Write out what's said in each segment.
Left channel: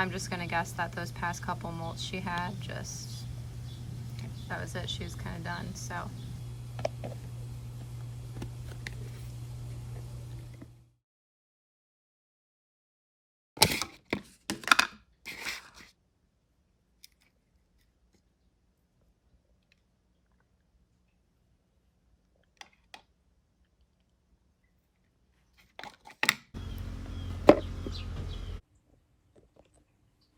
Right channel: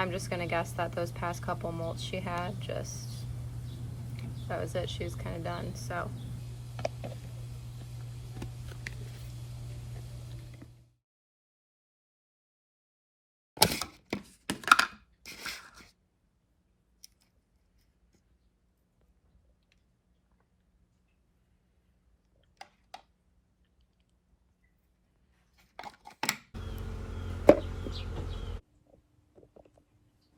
I'm just gonna guess that those past couple molts she had, that was it. She was kind of done, so.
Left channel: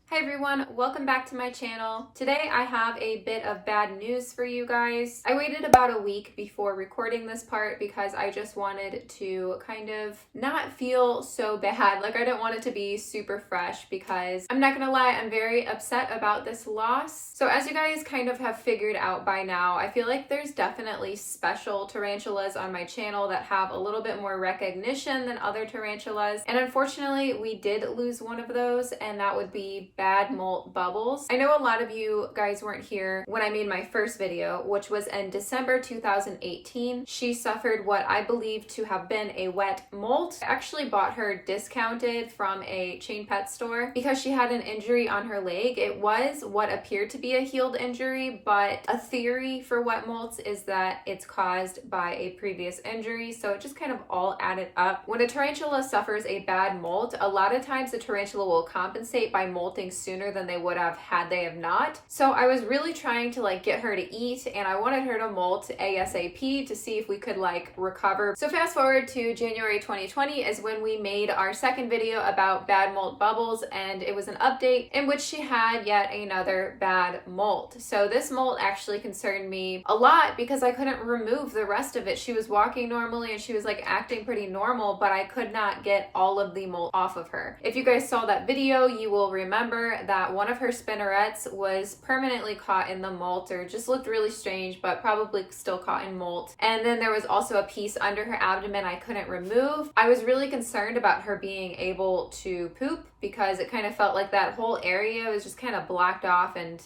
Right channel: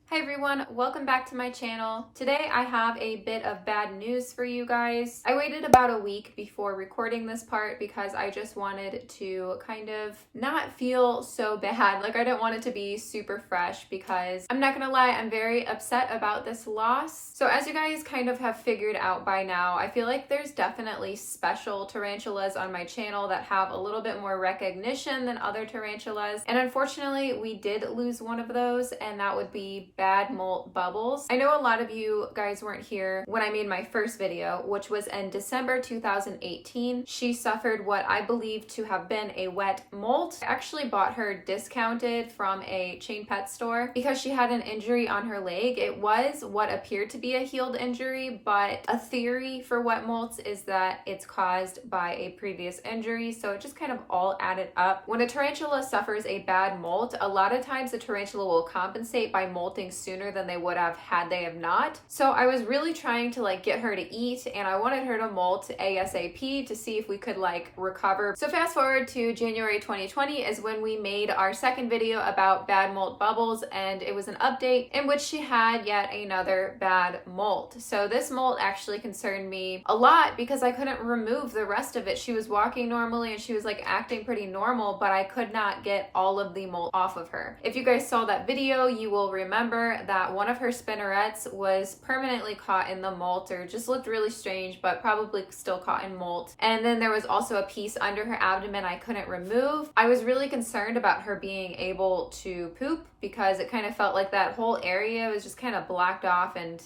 Hi everyone, welcome back to my channel. Today I have a bit of bad news for you guys. I waited about a week before recording this part because I just wanted to kind of not feel so bad. Like, I didn't want it to be super fresh because I'm not gonna lie, I'm very upset about this loss. So as you guys kind of have figured out by now, I feel like there's definitely special tarantulas on my channel that have a little bit more recognition than other tarantulas. And unfortunately, we did lose one of those, and that would be bad molt Bubbles. I know a lot of you guys weren't here when I made my first video, which was in December 2018. She suffered what I believe to have been a wet molt. I actually bought her discounted from a chain pet store because she had an injury on her leg. It was what appeared to be a healed injury, but a theory for wet molts is that it's caused by a previous injury. So it just kind of all added up. When a tarantula suffers a bad molt, a lot of times the tarantula will compensate by molting sooner than they would have had they have not. So I was really trying to like get her to eat, and I wanted her to molt ASAP to see if we could like recover. So fast forward to January 2020 is when we made our second video about bad molt Bubbles, and it was an update in which she had yet another bad molt. So this molt actually concerned me a lot because I couldn't remove the rest of it. She was walking normally and she was like acting pretty normal, but I could not get all of the molt off of her. If you guys saw that video, you will remember that one of her spinnerets was permanently caught in the molt, or just looked really strange, but probably still caught in molt. And then there was also a piece under her abdomen I couldn't remove. I was really concerned about her being able to poop because it kind of felt like that whole area was just kind of blocked off and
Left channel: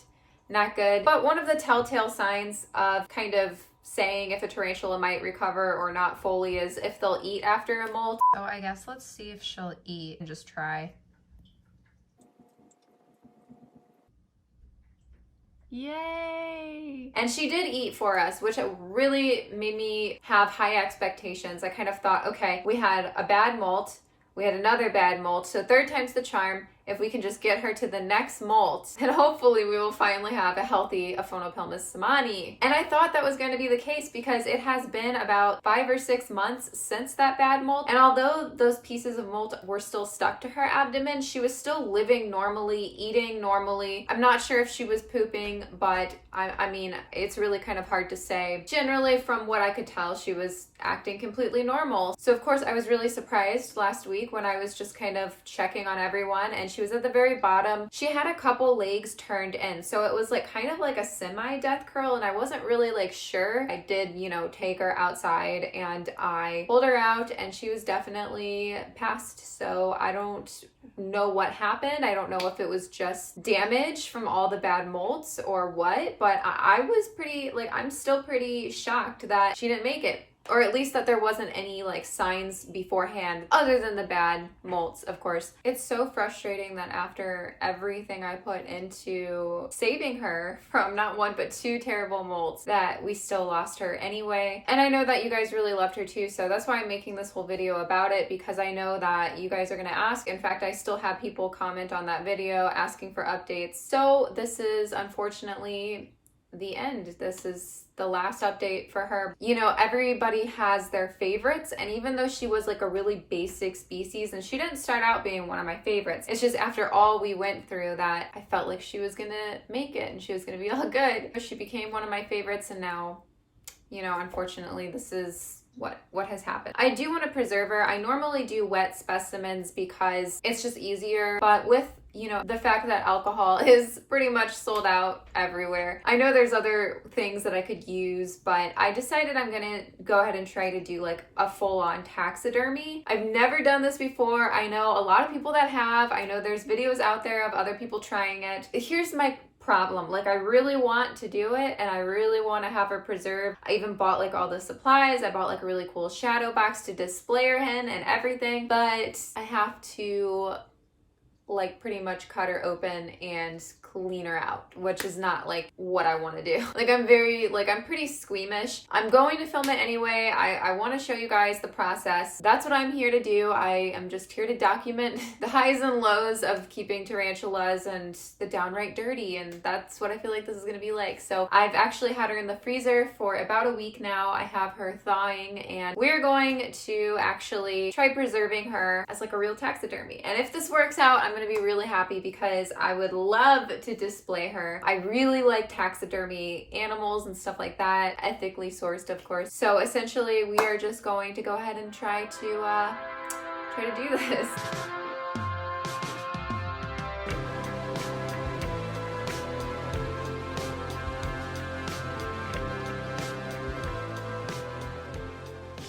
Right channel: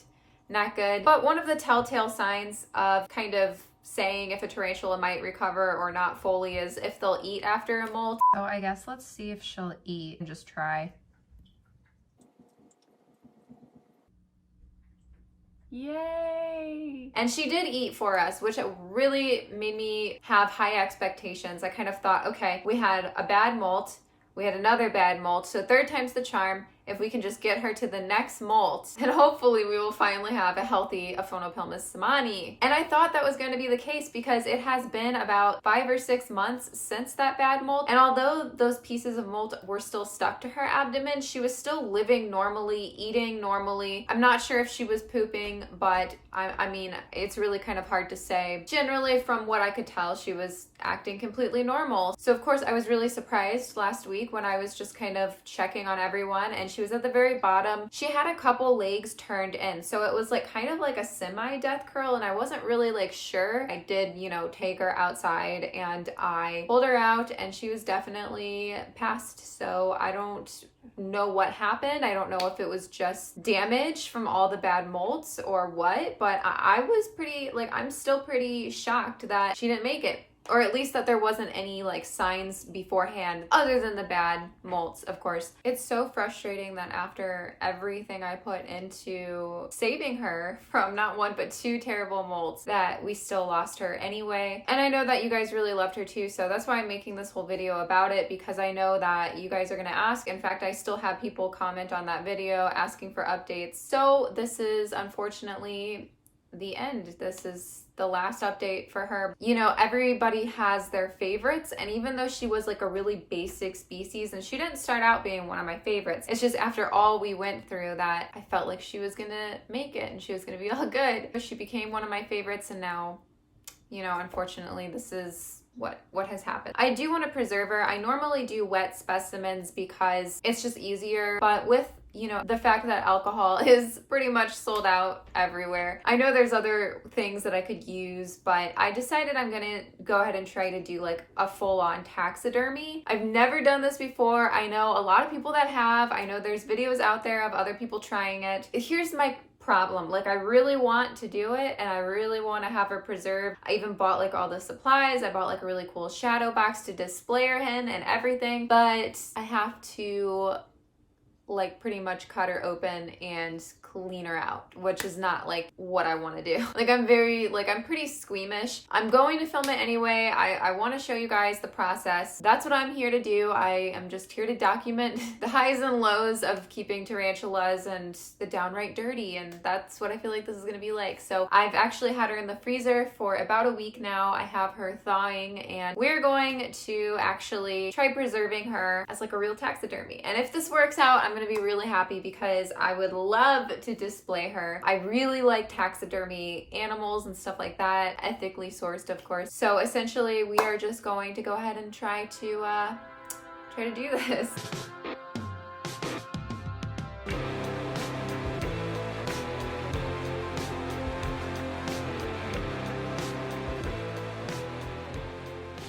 not good. But one of the telltale signs of kind of saying if a tarantula might recover or not fully is if they'll eat after a molt. So I guess let's see if she'll eat and just try. Yay! And she did eat for us, which really made me have high expectations. I kind of thought, okay, we had a bad molt, we had another bad molt, so third time's the charm. If we can just get her to the next molt, and hopefully we will finally have a healthy Aphonopelma seemani. And I thought that was going to be the case because it has been about 5 or 6 months since that bad molt. And although those pieces of molt were still stuck to her abdomen, she was still living normally, eating normally. I'm not sure if she was pooping, but I mean, it's really kind of hard to say. Generally, from what I could tell, she was acting completely normal. So of course I was really surprised last week when I was just kind of checking on everyone, and she was at the very bottom. She had a couple legs turned in, so it was like kind of like a semi-death curl, and I wasn't really like sure. I did, you know, take her outside and I pulled her out, and she was definitely passed. So I don't know what happened. I don't know if it was just damage from all the bad molts or what, but I was pretty, like, I'm still pretty shocked that she didn't make it. Or at least that there wasn't any like signs beforehand other than the bad molts, of course. It's so frustrating that after everything I put into saving her from not one but 2 terrible molts, that we still lost her anyway. And I know that you guys really loved her too, so that's why I'm making this whole video about it, because I know that you guys are gonna ask. In fact, I still have people comment on that video asking for updates. So this is unfortunately the end. This is the last update for her. You know, everybody has their favorites, and even though she was like a really basic species, and she didn't start out being one of my favorites, it's just after all we went through that I felt like she was gonna make it and she was gonna be all good. She became one of my favorites, and now, you know, unfortunately this is what has happened. I do want to preserve her. I normally do wet specimens because it's just easier, but with, you know, the fact that alcohol is pretty much sold out everywhere, I know there's other things that I could use, but I decided I'm gonna go ahead and try to do like a full-on taxidermy. I've never done this before. I know a lot of people that have. I know there's videos out there of other people trying it. Here's my problem. Like, I really want to do it, and I really want to have her preserved. I even bought like all the supplies. I bought like a really cool shadow box to display her in and everything, but I have to like pretty much cut her open and clean her out, which is not like what I want to do. Like I'm pretty squeamish. I'm going to film it anyway. I want to show you guys the process. That's what I'm here to do. I am just here to document the highs and lows of keeping tarantulas and the downright dirty, and that's what I feel like this is going to be like. So I've actually had her in the freezer for about a week now. I have her thawing, and we're going to actually try preserving her as like a real taxidermy. And if this works out, I'm going to be really happy because I would love to display her. I really like taxidermy animals and stuff like that, ethically sourced, of course. So essentially, we are just going to go ahead and try to do this.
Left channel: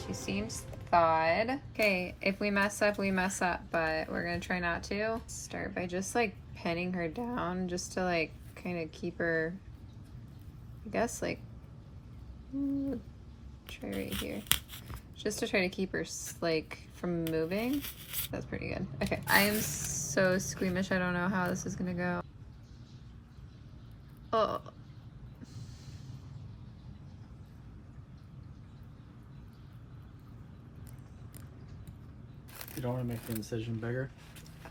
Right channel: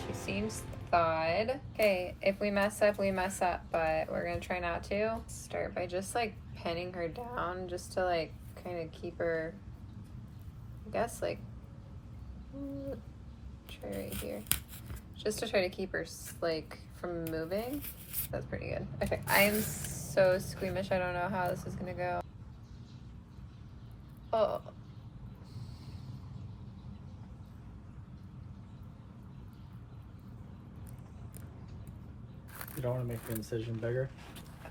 She seems thawed. Okay, if we mess up, we mess up, but we're gonna try not to. Start by just like pinning her down just to like kind of keep her, I guess, like, try right here. Just to try to keep her like from moving. That's pretty good. Okay, I am so squeamish. I don't know how this is gonna go. Oh. You don't want to make the incision bigger?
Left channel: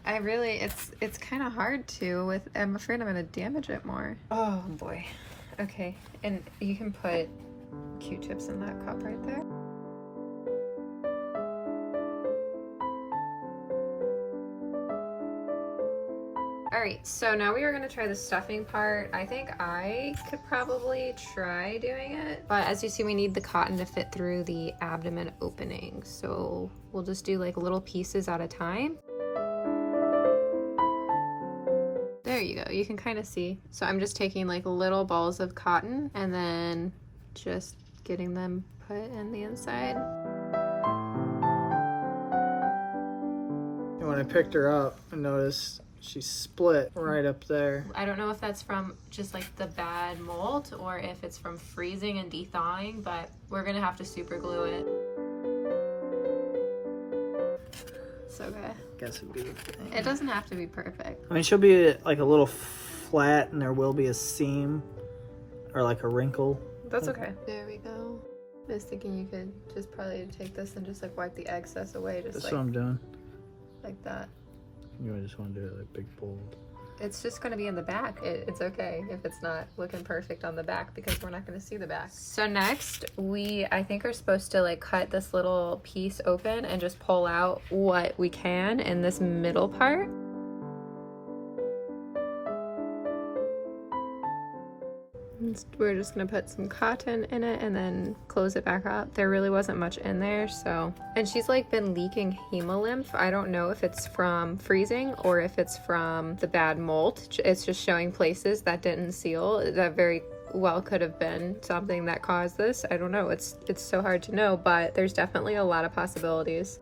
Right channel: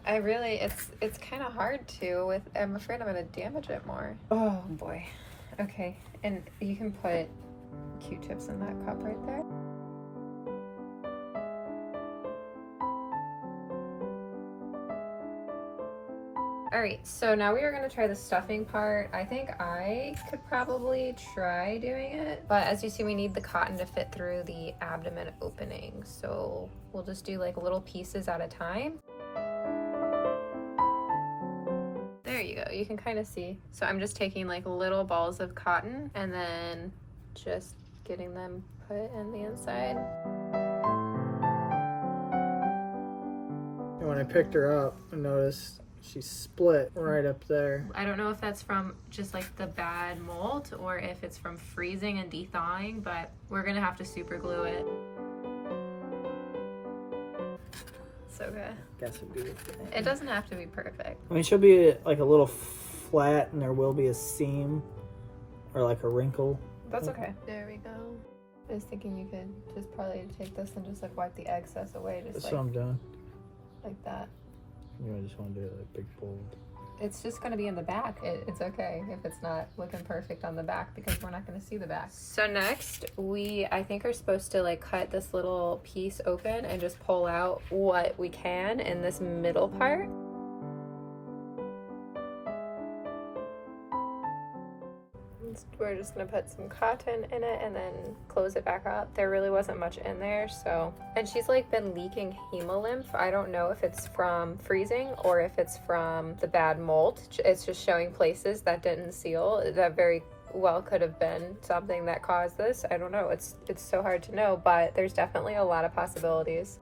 I really, it's kind of hard to with, I'm afraid I'm gonna damage it more. Oh boy. Okay, and you can put Q-tips in that cup right there. All right, so now we are gonna try the stuffing part. I think I could probably try doing it, but as you see, we need the cotton to fit through the abdomen opening. So we'll just do like little pieces at a time. There you go, you can kind of see. So I'm just taking like little balls of cotton and then just getting them put in the inside. And when I picked her up, I noticed she split right up there. I don't know if that's from just like the bad molt or if it's from freezing and de-thawing, but we're gonna have to super glue it. So good. Guess it'd be. It doesn't have to be perfect. I mean, she'll be like a little flat, and there will be a seam or like a wrinkle. That's okay. There we go. I was thinking you could just probably take this and just like wipe the excess away, just That's like, what I'm doing. like that. You just want to do it like big bold. It's just going to be in the back. It's okay if it's not looking perfect on the back because we're not going to see the back. So next, I think are supposed to like cut this little piece open and just pull out what we can in this middle part. We're just gonna put some cotton in it and then close it back up. There really wasn't much in there, so. And she's like been leaking hemolymph. I don't know if it's from freezing or if it's from the bad molt. It's just showing places that didn't seal. That very well could have been something that caused this. I don't know. It's so hard to know, but there's definitely a lot of possibilities.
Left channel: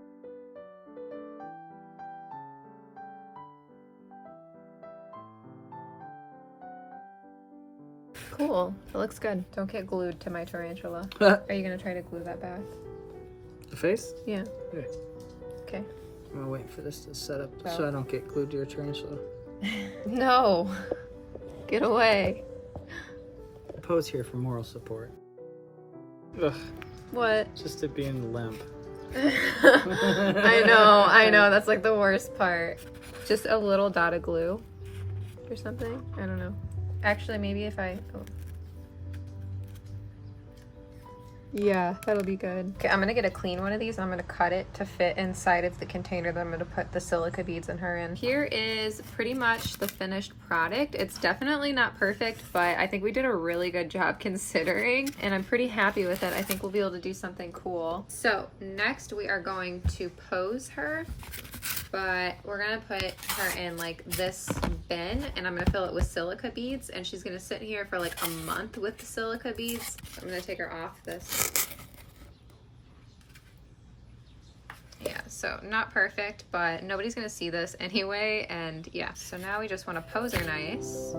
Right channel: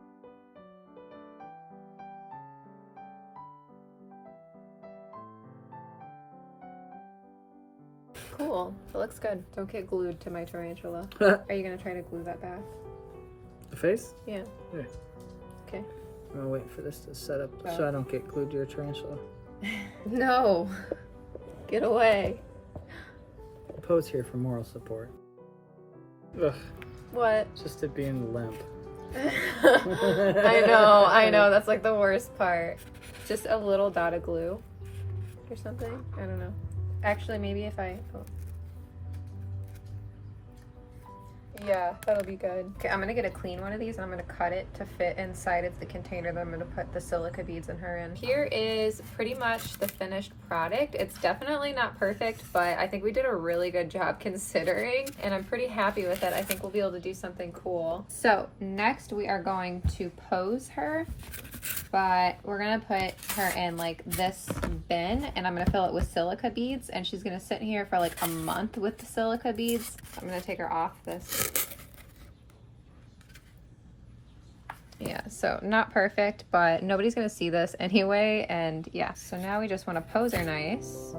Cool. It looks good. Don't get glued to my tarantula. Are you gonna try to glue that back? The face? Yeah. Yeah. Okay. I'm gonna wait for this to set up so I don't get glued to your tarantula. No. Get away. Pose here for moral support. Ugh. What? Just it being limp. I know. That's like the worst part. Just a little dot of glue or something. I don't know. Actually, maybe if I... Oh. Yeah, that'll be good. Okay, I'm gonna get a clean one of these and I'm gonna cut it to fit inside of the container that I'm gonna put the silica beads in her in. Here is pretty much the finished product. It's definitely not perfect, but I think we did a really good job considering, and I'm pretty happy with it. I think we'll be able to do something cool. So next we are going to pose her, but we're gonna put her in like this bin and I'm gonna fill it with silica beads, and she's gonna sit here for like a month with the silica beads. I'm gonna take her off this. Yeah, so not perfect, but nobody's gonna see this anyway, and yeah. So now we just wanna pose her nice.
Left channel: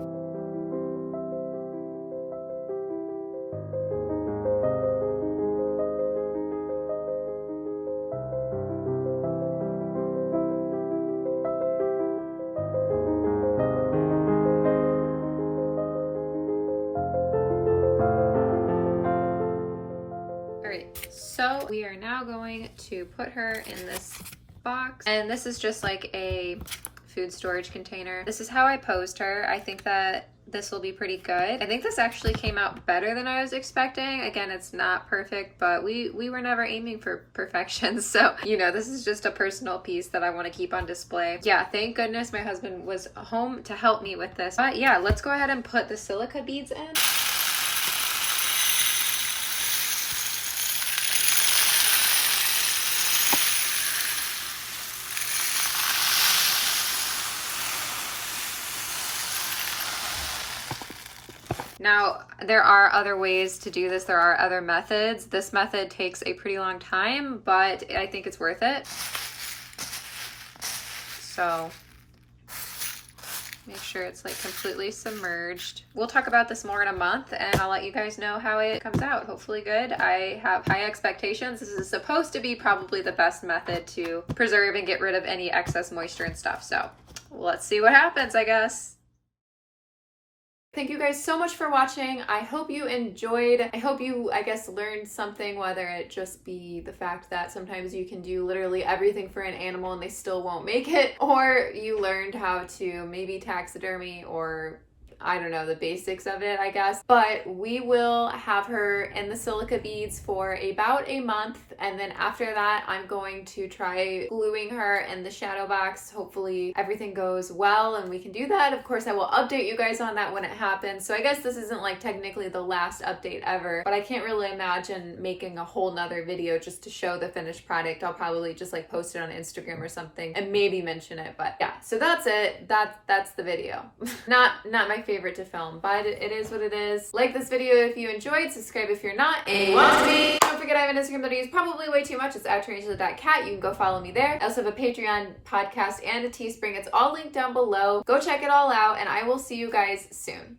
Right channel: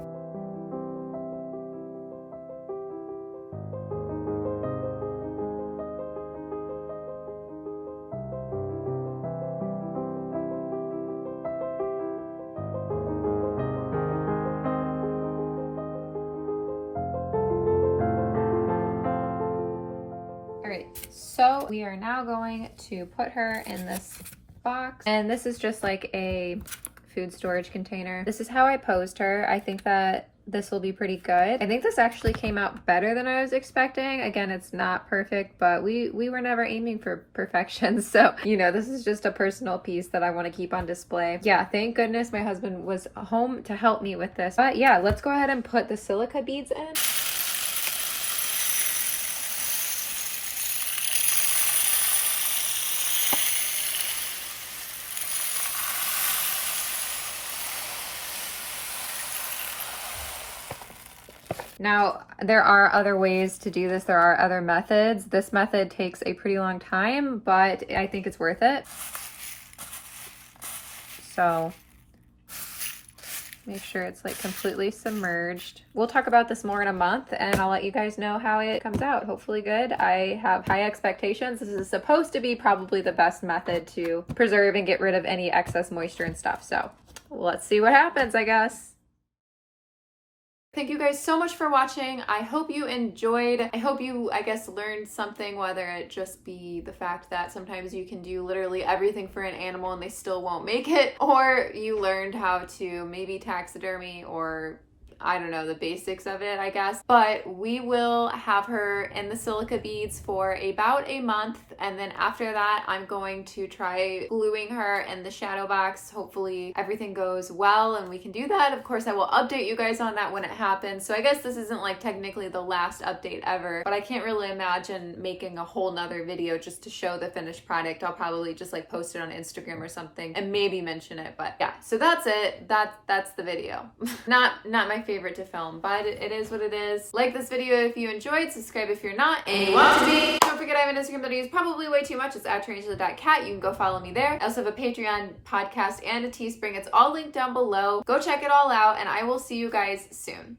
So we are now going to put her in this box, and this is just like a food storage container. This is how I posed her. I think that this will be pretty good. I think this actually came out better than I was expecting. Again, it's not perfect, but we were never aiming for perfection. So, you know, this is just a personal piece that I want to keep on display. Yeah, thank goodness my husband was home to help me with this. But yeah, let's go ahead and put the silica beads in. Now, there are other ways to do this. There are other methods. This method takes a pretty long time, but I think it's worth it. So make sure it's like completely submerged. We'll talk about this more in a month, and I'll let you guys know how it comes out. Hopefully good. I have high expectations. This is supposed to be probably the best method to preserve and get rid of any excess moisture and stuff. So let's see what happens, I guess. Thank you guys so much for watching. I hope you enjoyed. I hope you, I guess, learned something, whether it just be the fact that sometimes you can do literally everything for an animal and they still won't make it, or you learned how to maybe taxidermy, or I don't know, the basics of it, I guess. But we will have her in the silica beads for about a month, and then after that I'm going to try gluing her in the shadow box. Hopefully everything goes well and we can do that. Of course I will update you guys on that when it happens. So I guess this isn't like technically the last update ever, but I can't really imagine making a whole nother video just to show the finished product. I'll probably just like post it on Instagram or something and maybe mention it. But yeah, so that's it. That's the video. Not my favorite to film, but it is what it is. Like this video if you enjoyed, subscribe if you're not, and want to be. Don't forget I have an Instagram that I use probably way too much. It's at Tarantula.kat. You can go follow me there. I also have a Patreon, podcast, and a Teespring. It's all linked down below. Go check it all out, and I will see you guys soon.